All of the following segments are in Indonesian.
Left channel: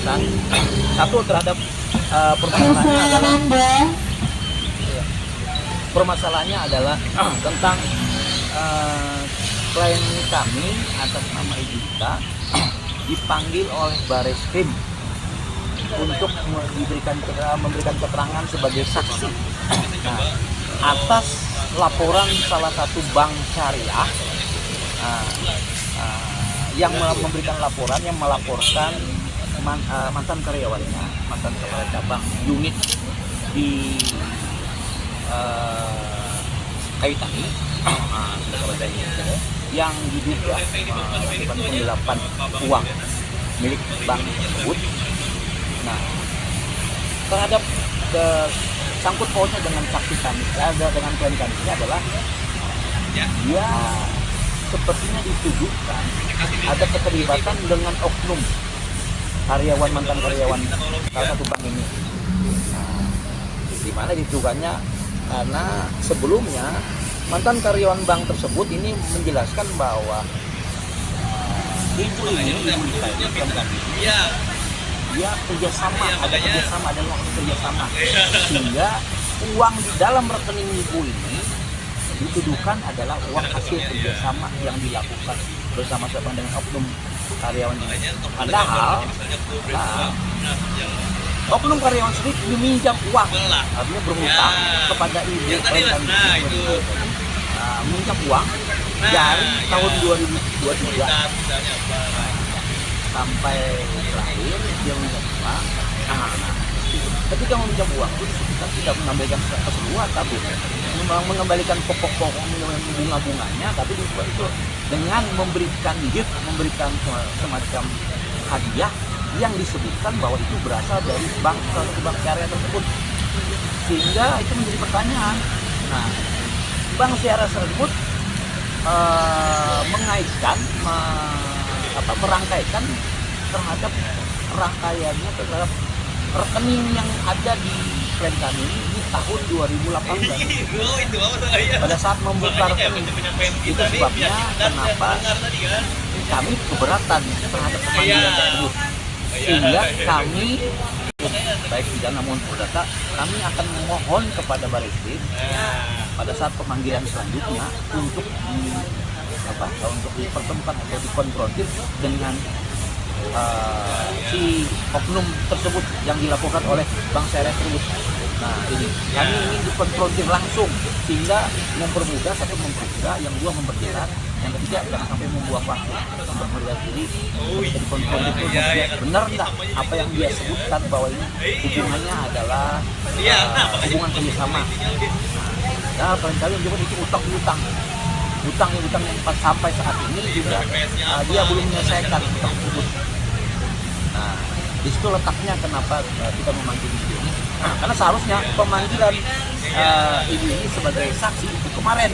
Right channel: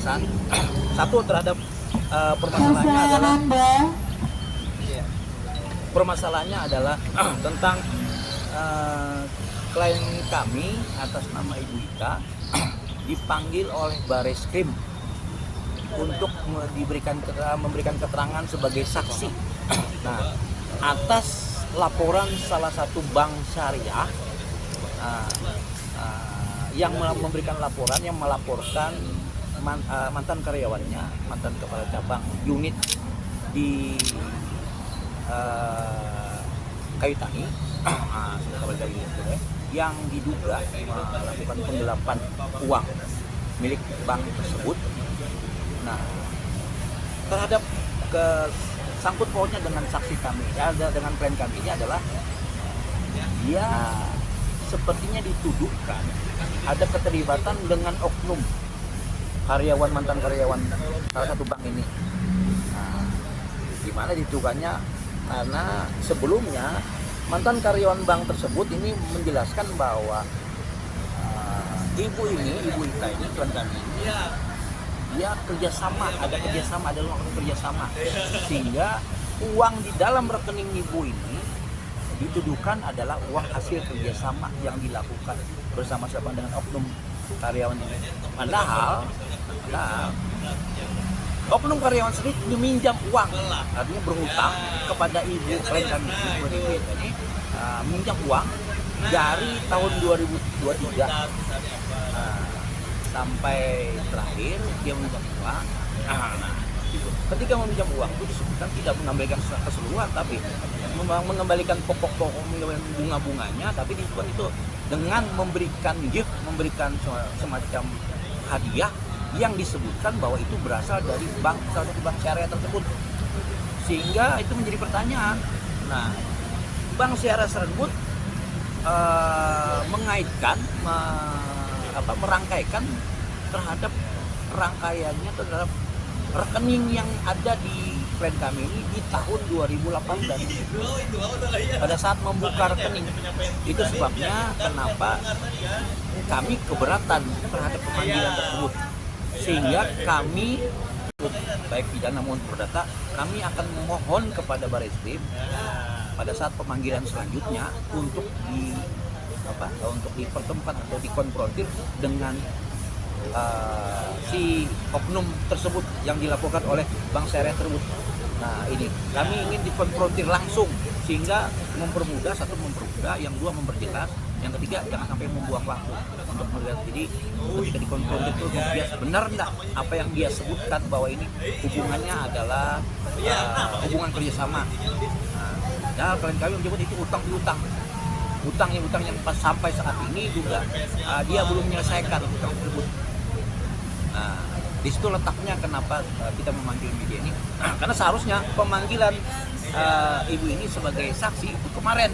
penjelasan. Satu terhadap permasalahannya adalah tentang klien kami atas nama Ibu Dita dipanggil oleh Bareskrim untuk memberikan keterangan sebagai saksi. Nah, atas laporan salah satu bank syariah yang memberikan laporan, yang melaporkan mantan karyawannya, mantan kepala cabang unit di Kayu Tani yang diduga melakukan penggelapan uang milik bank tersebut. Nah, terhadap sangkut pautnya dengan saksi kami, dengan klien kami ini adalah dia sepertinya dituduhkan ada keterlibatan dengan oknum mantan karyawan salah satu bank ini. Nah, di mana dituduhkannya karena sebelumnya mantan karyawan bank tersebut ini menjelaskan bahwa ibu dia kerjasama, ada waktu kerjasama, sehingga uang di dalam rekening ibu ini dituduhkan adalah uang hasil kerjasama yang dilakukan bersama-sama dengan oknum karyawan ini. Padahal oknum karyawan sendiri meminjam uang, artinya berhutang kepada ibu, meminjam uang dari tahun 2023 sampai terakhir dia meminjam uang. Ketika meminjam uang tidak mengambilkan secara keseluruhan, tapi mengembalikan pokok-pokok bunga-bunganya, tapi itu dengan memberikan gift, memberikan semacam hadiah yang disebutkan bahwa itu berasal dari bank syariah tersebut, sehingga itu menjadi pertanyaan. Nah, bank syariah tersebut mengaitkan, merangkaikan terhadap rangkaiannya terhadap rekening yang ada di klien kami di tahun 2018. Pada saat membuka rekening itu sebabnya kenapa kami keberatan terhadap pemanggilan tersebut, sehingga kami baik pidana maupun perdata kami akan memohon kepada Bareskrim pada saat pemanggilan selanjutnya untuk dipertemukan atau dikonfrontir dengan si oknum tersebut yang dilaporkan oleh bank syariah tersebut. Nah, ini kami ingin dikonfrontir langsung, sehingga mempermudah, satu mempermudah, yang dua memperjelas, yang ketiga jangan sampai membuang waktu untuk melihat diri dikonfrontir. Benar tak apa yang dia sebutkan bahwa ini hubungannya adalah hubungan kerjasama. Nah, kali-kali juga utang yang sampai saat ini juga dia belum menyelesaikan utang tersebut. Nah, di situ letaknya kenapa kita memanggil ibu ini. Nah, karena seharusnya pemanggilan ibu ini sebagai saksi itu kemarin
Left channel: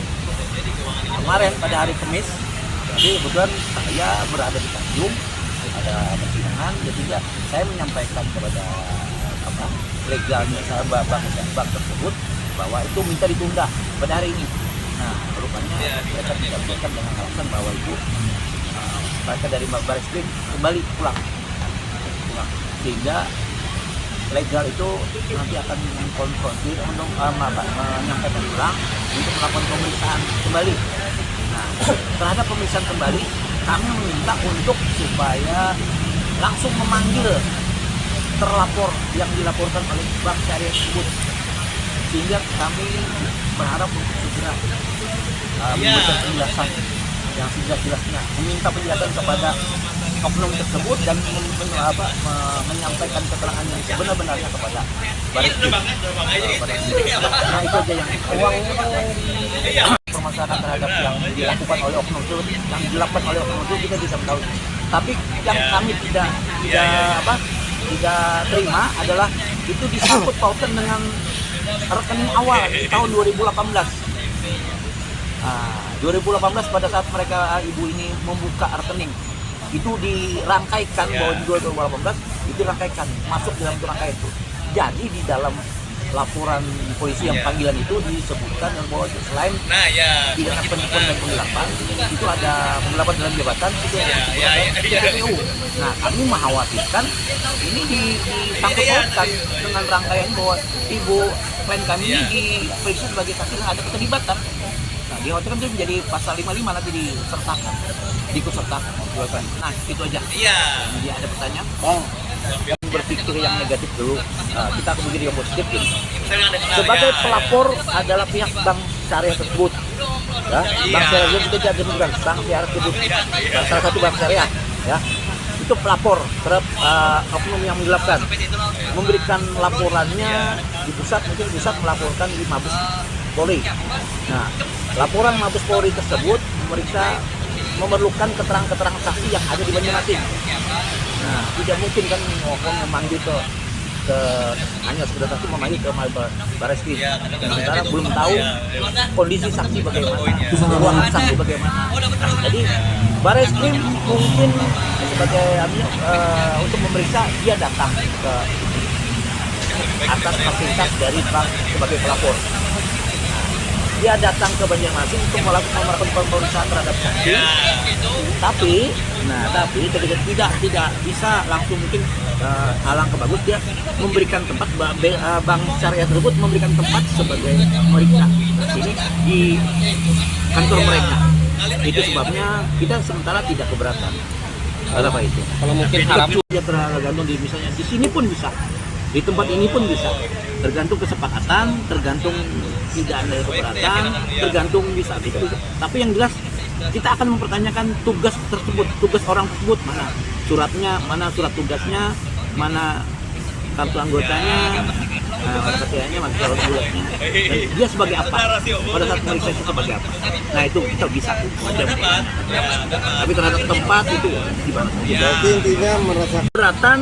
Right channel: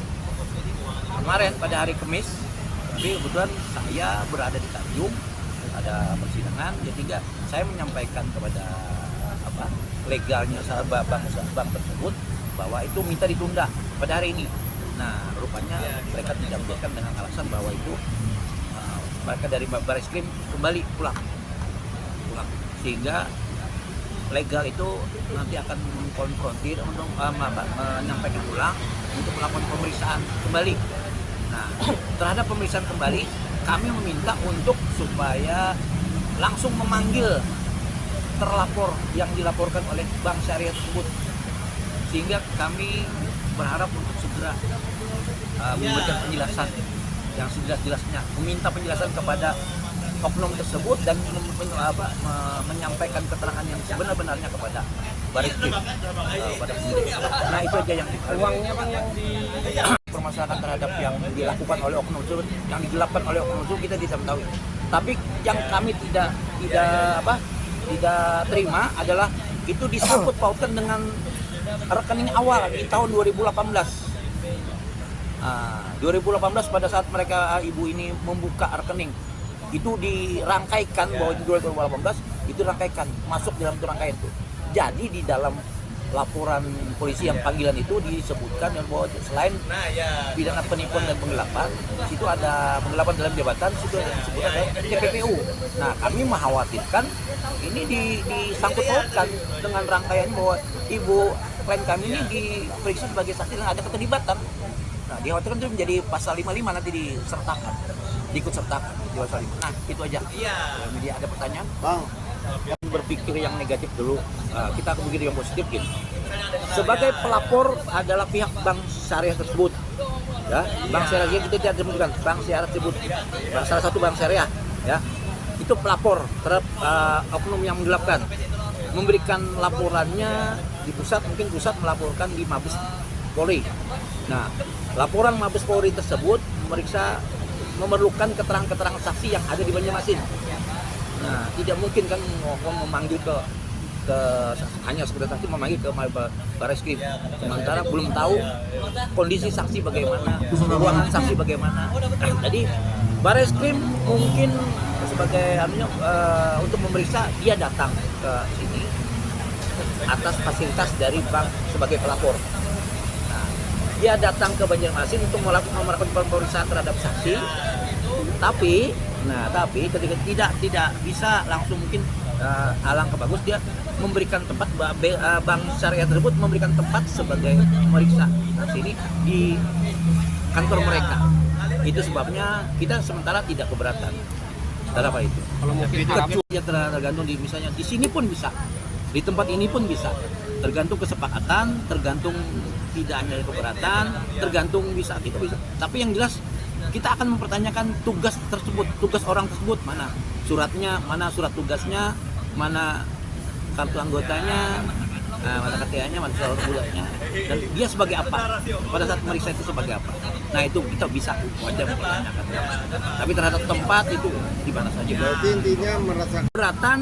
pada hari Kamis, tapi kebetulan saya berada di Tanjung, ada persidangan, jadi saya menyampaikan kepada legalnya bank tersebut bahwa itu minta ditunda pada hari ini. Nah, rupanya mereka tidak menyampaikan dengan alasan bahwa itu mereka dari Bareskrim kembali pulang, sehingga legal itu nanti akan mengkonfrontir untuk menyampaikan ulang untuk melakukan pemeriksaan kembali. Nah, terhadap pemeriksaan kembali kami meminta untuk supaya langsung memanggil terlapor yang dilaporkan oleh bank syariah tersebut, sehingga kami berharap untuk segera memberikan penjelasan yang sejelas-jelasnya, meminta penjelasan kepada oknum tersebut dan menyampaikan keterangan yang sebenar-benarnya kepada Bareskrim. Nah, itu aja yang permasalahan terhadap yang dilakukan oleh oknum itu, yang dilakukan oleh oknum itu kita bisa tahu. Tapi yang kami tidak terima adalah itu disangkut pautkan dengan rekening awal di tahun 2018. 2018 pada saat ibu ini membuka rekening itu dirangkaikan bahwa di 2018 itu dirangkaikan masuk dalam rangkaian itu. Jadi di dalam laporan polisi yang panggilan itu disebutkan bahwa selain pidana penipuan dan penggelapan itu ada penggelapan dalam jabatan itu PPU. Nah, kami mengkhawatirkan ini disangkut-pautkan dengan rangkaian bahwa ibu klien kami ini diperiksa sebagai saksi yang ada keterlibatan. Nah, dikhawatirkan itu menjadi pasal 55 nanti disertakan, diikut sertakan. Nah, itu aja. Iya. Jadi ada pertanyaan? Berpikir yang negatif dulu, kita berpikir yang positif ini. Sebagai pelapor adalah pihak bank syariah tersebut. Ya, bank syariah kita tidak demikian, bank syariah tersebut, salah satu bank syariah, ya, itu pelapor terhadap oknum yang dilakukan, memberikan laporannya di pusat, mungkin pusat melaporkan di Mabes Polri. Nah, laporan Mabes Polri tersebut memerlukan keterangan-keterangan saksi yang ada di Banyumasin. Nah, tidak mungkin kan memanggil ke hanya sekedar saksi memanggil ke Bareskrim. Sementara belum tahu kondisi saksi bagaimana, keuangan saksi bagaimana. Jadi Bareskrim mungkin sebagai untuk memeriksa, dia datang ke atas fasilitas dari bank sebagai pelapor. Dia datang ke Banjarmasin untuk melakukan pemeriksaan terhadap saksi. Tapi tidak bisa langsung mungkin alangkah bagus dia memberikan tempat bank syariah tersebut memberikan tempat sebagai pemeriksa ini di kantor mereka. Itu sebabnya kita sementara tidak keberatan. Kenapa itu? Kalau mungkin dia tergantung di misalnya di sini pun bisa, di tempat ini pun bisa, tergantung kesepakatan, tergantung tidak ada keberatan, tergantung bisa. Tapi yang jelas kita akan mempertanyakan tugas tersebut, tugas orang tersebut, mana suratnya, mana surat tugasnya, mana kartu anggotanya, mana KTA-nya, mana surat bulatnya, dan dia sebagai apa pada saat meriksa itu sebagai apa. Nah itu kita bisa mempertanyakan. Tapi terhadap tempat itu gimana saja. berarti intinya merasa Keberatan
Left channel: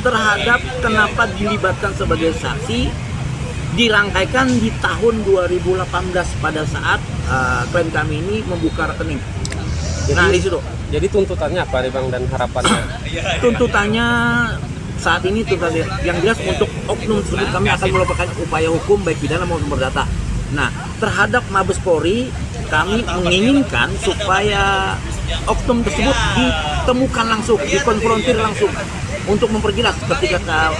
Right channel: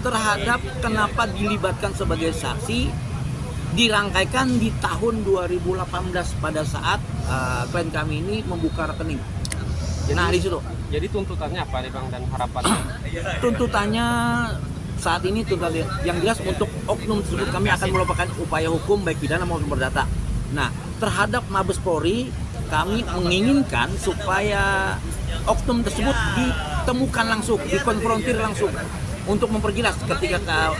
terhadap kenapa dilibatkan sebagai saksi dirangkaikan di tahun 2018 pada saat klien kami ini membuka rekening. Di situ. Jadi tuntutannya apa nih Bang dan harapannya? Tuntutannya saat ini yang jelas untuk oknum tersebut kami akan melakukan upaya hukum baik pidana maupun perdata. Nah, terhadap Mabes Polri kami menginginkan supaya oknum tersebut ditemukan langsung, dikonfrontir langsung untuk memperjelas ketika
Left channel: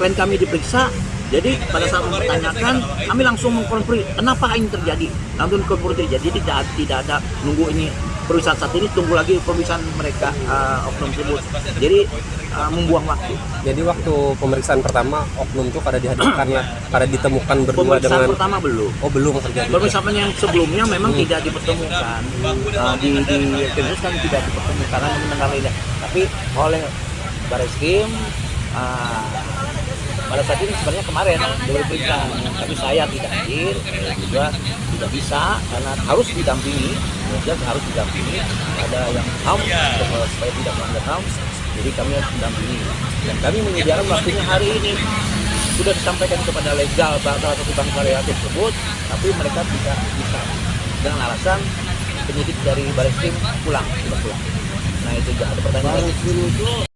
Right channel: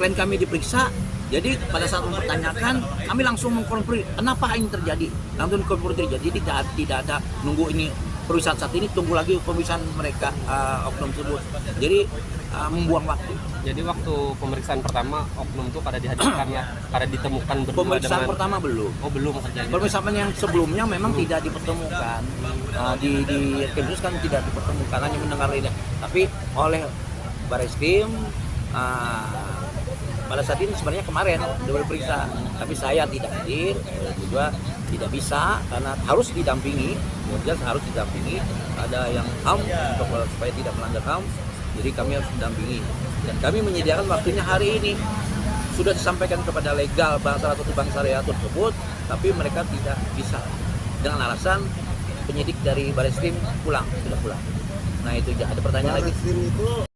klien kami diperiksa. Jadi pada saat mempertanyakan, kami langsung mengkonfirmasi kenapa ini terjadi. Langsung konfirmasi terjadi, tidak ada nunggu ini pemeriksaan saat ini, tunggu lagi pemeriksaan mereka oknum tersebut. Jadi membuang waktu. Jadi waktu pemeriksaan pertama oknum itu pada dihadirkannya, pada ditemukan berdua pemeriksaan dengan pertama belum. Oh belum terjadi. Pemeriksaan yang sebelumnya memang tidak dipertemukan. Di Timur kan tidak dipertemukan karena mendengar lidah. Tapi oleh Bareskrim pada saat ini sebenarnya kemarin dulu periksa, tapi saya tidak hadir, juga tidak bisa karena harus didampingi, harus didampingi. Ada yang HAM supaya tidak melanggar HAM, jadi kami harus mendampingi. Dan kami menyediakan waktunya hari ini sudah disampaikan kepada legal salah satu bank syariah tersebut, tapi mereka tidak bisa dengan alasan penyidik dari Bareskrim pulang. Nah itu ada pertanyaan.